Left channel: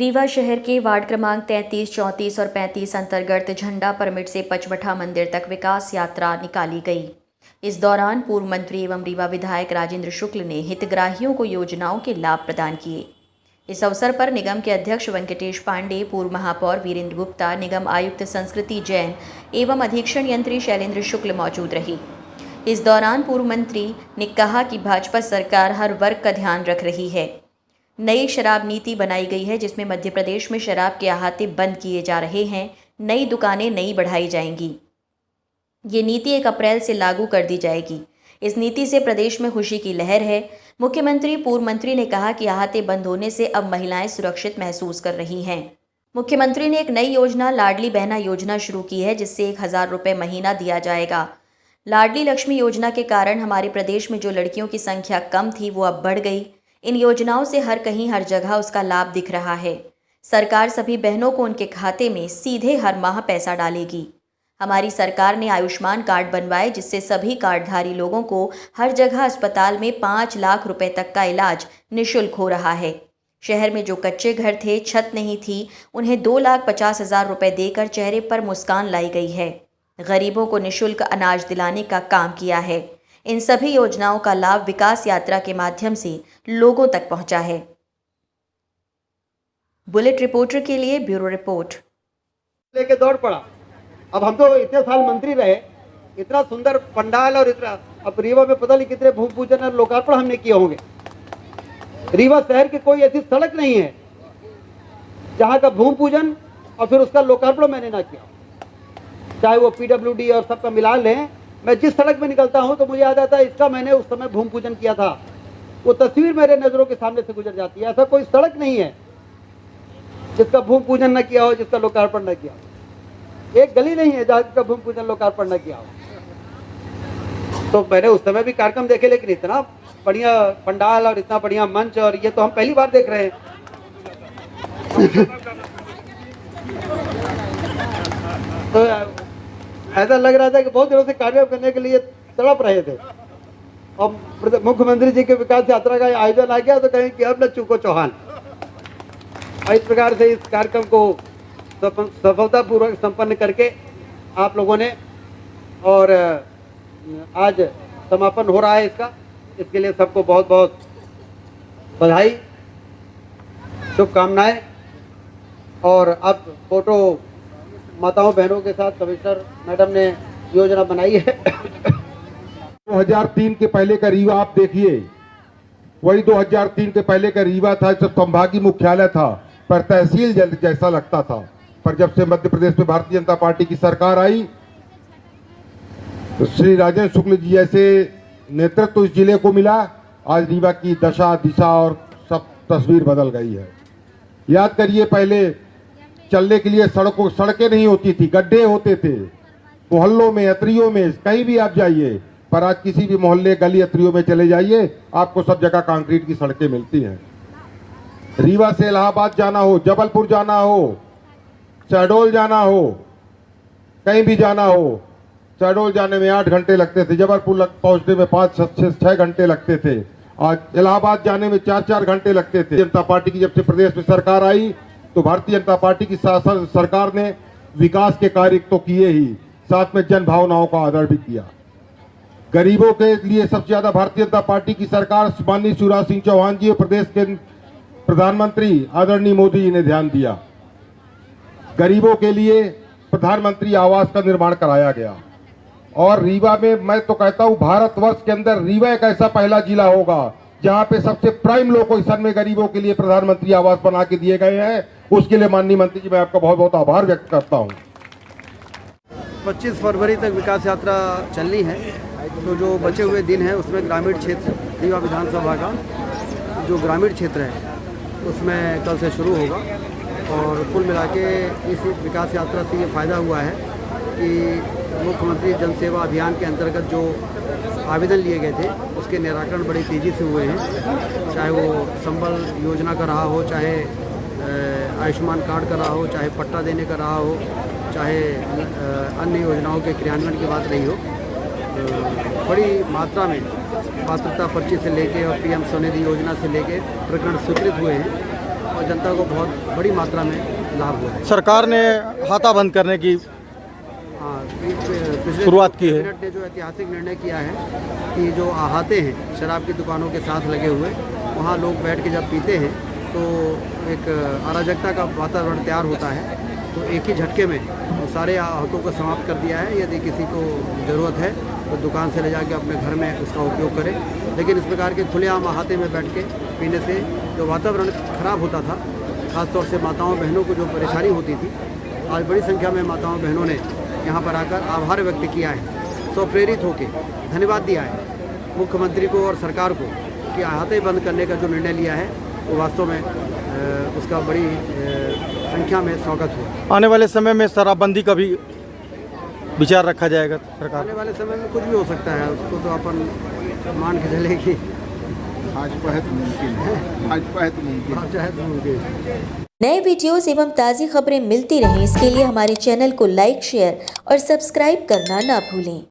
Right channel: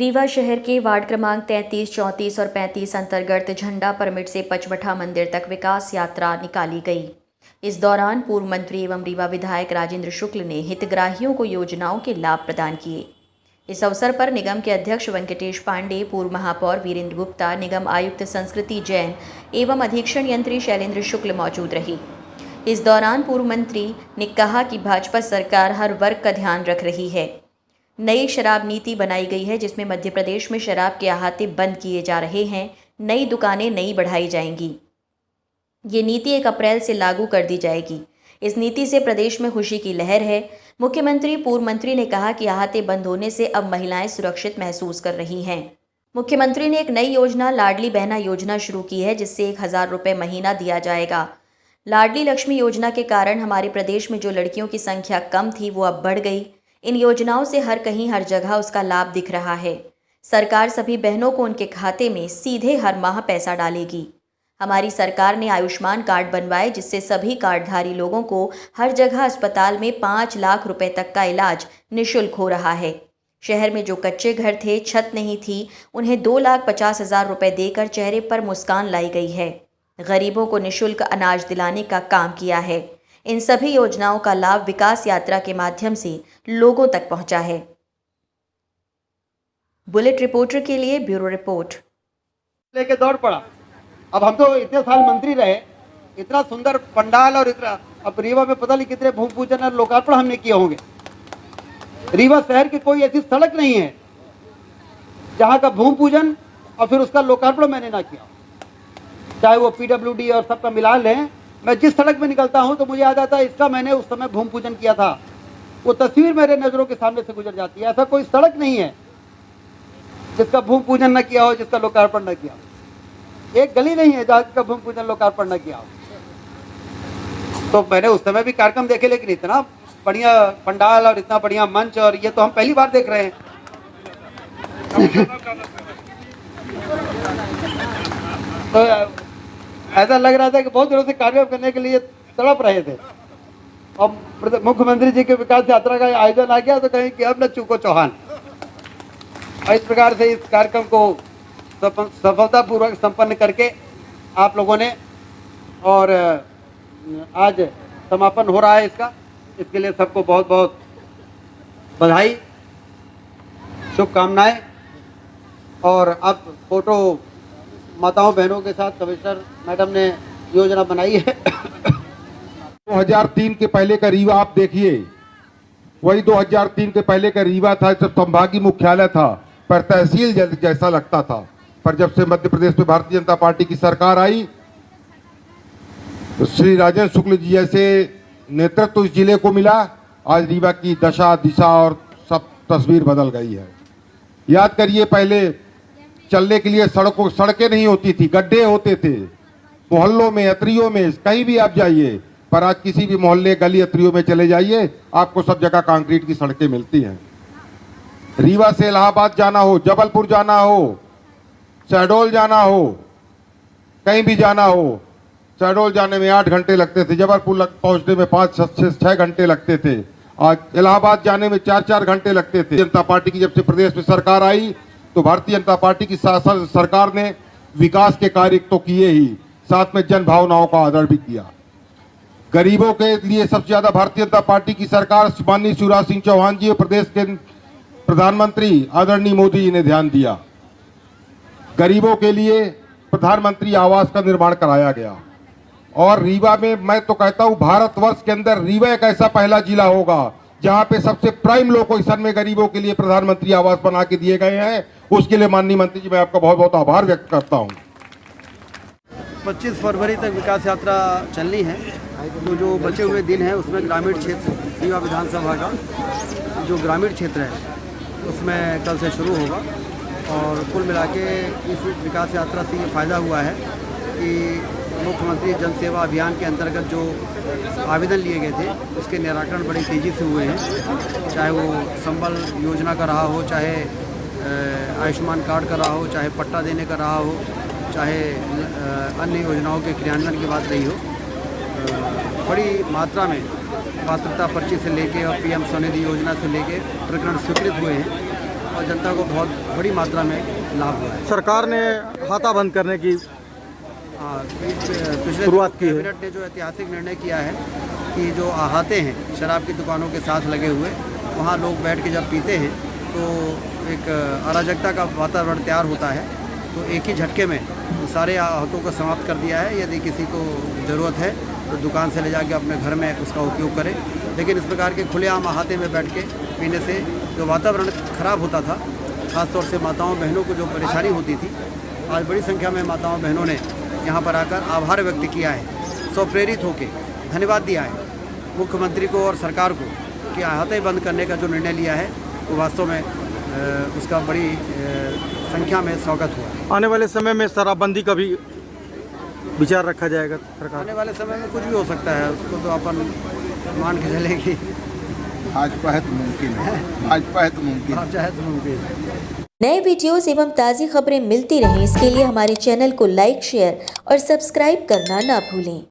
रीवा शहर के वार्ड क्रमांक 33, 34 और 35 अंतर्गत झंडा परमिट से पचमढ़ा मंदिर तक विकास यात्रा निकाली गई। इस दौरान पूर्व मंत्री एवं रीवा विधायक राजेंद्र शुक्ल ने हितग्राहियों को योजनाओं के लाभ प्रदान किए। इस अवसर पर निगम के अध्यक्ष वेंकटेश पांडे, पूर्व महापौर वीरेंद्र गुप्ता, निगम आयुक्त संस्कृति जैन एवं अधीक्षण यंत्री शैलेंद्र शुक्ल मौजूद रही। इस दौरान पूर्व मंत्री ने कहा कि भाजपा सरकार हर वर्ग का ध्यान रख रही है। नई शराब नीति बनाई गई है जिसमें मध्य प्रदेश में शराब के अहाते बंद किए जा रहे हैं। नई दुकानें नई बढ़ाई जाएंगी। ये नीति 1 अप्रैल से लागू कर दी जाएगी। इस नीति से प्रदेश में खुशी की लहर है। मुख्यमंत्री पूर्व मंत्री ने कहा कि अहाते बंद होने से अब महिलाएं सुरक्षित महसूस कर रही हैं। मुख्यमंत्री ने एक नई योजना लाडली बहना योजना शुरू की है जिससे 1000 रुपये महीना दिया जाएगा। लाडली लक्ष्मी योजना के कारण हमारे प्रदेश में जो लड़कियों की संख्या कम थी वो अब बढ़ गई। इन योजनाओं से हर कहीं हर जगह उसका लाभ दिख रहा है। सरकार सभी बहनों को उनके खाते में सीधे हर माह पैसा डालेगी। हमारी सरकार ने आयुष्मान कार्ड बनवाए जिससे सभी कार्डधारी लोगों को हर जगह अस्पताल में 5 लाख रुपए तक का इलाज निःशुल्क हो रहा है। शहर में जो कच्चे घर थे, छत नहीं थी, उन्हें 2,50,000 रुपए देकर चेहरे पर मुस्कान लाई गई है। गरीबों को निःशुल्क अनाज दिलाने का काम किया है। इन सभी योजनाओं का लाभ विकास यात्रा के माध्यम से लोगों तक पहुंचा है। बुलेट रिपोर्टर के लिए ब्यूरो रिपोर्ट। लेके दौड़ पड़ा। अब हम तो इतने साल मंत्री रहे, इतना सुंदर पंडाल और इतना, अब रीवा में पता नहीं कितने भूमि पूजन और लोकार्पण हमने किए होंगे। रीवा शहर की कोई ऐसी सड़क नहीं है जहां का भूमि पूजन और फिर उसका लोकार्पण मैंने ना किया। चाहे वो PWD और सबका मिला लें, मैं जिस सड़क में निकलता हूं तो मुझे याद आता है इसका मैंने उस समय भूमि पूजन किया था। वो तस्वीर मेरे नजरों के सामने से गुजर जाती है। ऐसा कोई सड़क नहीं है जिसका भूमि पूजन न किया हो, जिसका लोकार्पण न किया हो। एक गली नहीं है जिसका भूमि पूजन लोकार्पण न किया हो। तो मैंने उस समय भी कार्यक्रम देखे, लेकिन इतना बढ़िया पंडाल और इतना बढ़िया मंच, और ये तो हम पहली बार देख रहे हैं। तो ऐसा लग रहा था कि बहुत दिनों से कार्यक्रम करने के लिए तड़प रहे थे। अब मुख्यमंत्री जी के विकास यात्रा का आयोजन आ गया तो कहीं कि अब न चूको चौहान। इस प्रकार से इस कार्यक्रम को सफलतापूर्वक संपन्न करके आप लोगों ने, और आज समापन हो रहा है इसका, इसके लिए सबको बहुत बहुत बधाई, शुभकामनाएं। और अब फोटो माताओं बहनों के साथ कमिश्नर मैडम ने योजना बनाई है। 2003 के पहले का रीवा आप देखिए, वही 2003 के पहले का रीवा था जब संभागीय मुख्यालय था, पर तहसील जैसा लगता था। पर जब से मध्य प्रदेश में भारतीय जनता पार्टी की सरकार आई तो श्री राजेंद्र शुक्ल जी जैसे नेतृत्व इस जिले को मिला। आज रीवा की दशा दिशा और सब तस्वीर बदल गई है। याद करिए, पहले चलने के लिए सड़कें नहीं होती थी, गड्ढे होते थे मोहल्लों में, अतरियों में, कहीं भी आप जाइए। पर आज किसी भी मोहल्ले, गली, अतरियों में चले जाइए, आपको सब जगह कंक्रीट की सड़कें मिलती हैं। रीवा से इलाहाबाद जाना हो, जबलपुर जाना हो, शहडोल जाना हो, कहीं भी जाना हो, शहडोल जाने में 8 घंटे लगते थे, जबलपुर पहुंचने में 5-6 घंटे लगते थे। आज इलाहाबाद जाने में 4-4 घंटे लगते थे। जनता पार्टी की जब से प्रदेश में सरकार आई तो भारतीय जनता पार्टी की सरकार ने विकास के कार्य तो किए ही, साथ में जन भावनाओं का आदर भी किया। गरीबों के लिए सबसे ज्यादा भारतीय जनता पार्टी की सरकार माननीय शिवराज सिंह चौहान जी और प्रदेश के प्रधानमंत्री आदरणीय मोदी जी ने ध्यान दिया। गरीबों के लिए प्रधानमंत्री आवास का निर्माण कराया गया। और रीवा में मैं तो कहता हूं भारतवर्ष के अंदर रीवा एक ऐसा पहला जिला होगा जहां पे सबसे प्राइम लोकेशन में गरीबों के लिए प्रधानमंत्री आवास बना के दिए गए हैं। उसके लिए माननीय मंत्री जी मैं आपका बहुत बहुत आभार व्यक्त करता हूं। 25 फरवरी तक विकास यात्रा चलनी है, तो जो बचे हुए दिन हैं उसमें ग्रामीण क्षेत्र रीवा विधानसभा का जो ग्रामीण क्षेत्र है उसमें कल से शुरू होगा। और कुल मिला के इस विकास यात्रा से ये फ़ायदा हुआ है कि मुख्यमंत्री जन सेवा अभियान के अंतर्गत जो आवेदन लिए गए थे उसके निराकरण बड़ी तेज़ी से हुए हैं। चाहे वो संबल योजना का रहा हो, चाहे आयुष्मान कार्ड का रहा हो, चाहे पट्टा देने का रहा हो, चाहे अन्य योजनाओं के क्रियान्वयन की बात रही हो, बड़ी मात्रा में पात्रता पर्ची से लेके और PM स्वनिधि योजना से लेके प्रकरण स्वीकृत हुए हैं। और जनता को बहुत बड़ी मात्रा में लाभ हुआ है। सरकार ने हाथा बंद करने की पिछले शुरुआत की है। कैबिनेट ने जो ऐतिहासिक निर्णय किया है कि जो आहाते हैं शराब की दुकानों के साथ लगे हुए, वहाँ लोग बैठ के जब पीते हैं तो एक अराजकता का वातावरण तैयार होता है। तो एक ही झटके में वो सारे आहातों को समाप्त कर दिया है। यदि किसी को ज़रूरत है तो दुकान से ले जाके अपने घर में उसका उपयोग करें, लेकिन इस प्रकार के खुलेआम अहाते में बैठ के पीने से जो वातावरण खराब होता था, ख़ासतौर से माताओं बहनों को जो परेशानी होती थी, आज बड़ी संख्या में माताओं बहनों ने यहाँ पर आकर आभार व्यक्त किया है, स्वप्रेरित होकर धन्यवाद दिया है मुख्यमंत्री को और सरकार को कि अहाते बंद करने का जो निर्णय लिया है वो वास्तव में उसका बड़ी संख्या में स्वागत हुआ। आने वाले समय में शराबबंदी का भी विचार रखा जाएगा सरकार? आने वाले समय में कुछ भी हो सकता है, उसको तो अपन मान के चले कि आज पहत मुमकिन है, आज पहत मुमकिन आप चाहे तो मुमकिन। नए वीडियोस एवं ताज़ी खबरें मिलती रहें, इसके लिए हमारे चैनल को लाइक, शेयर और सब्सक्राइब करना ना भूलें।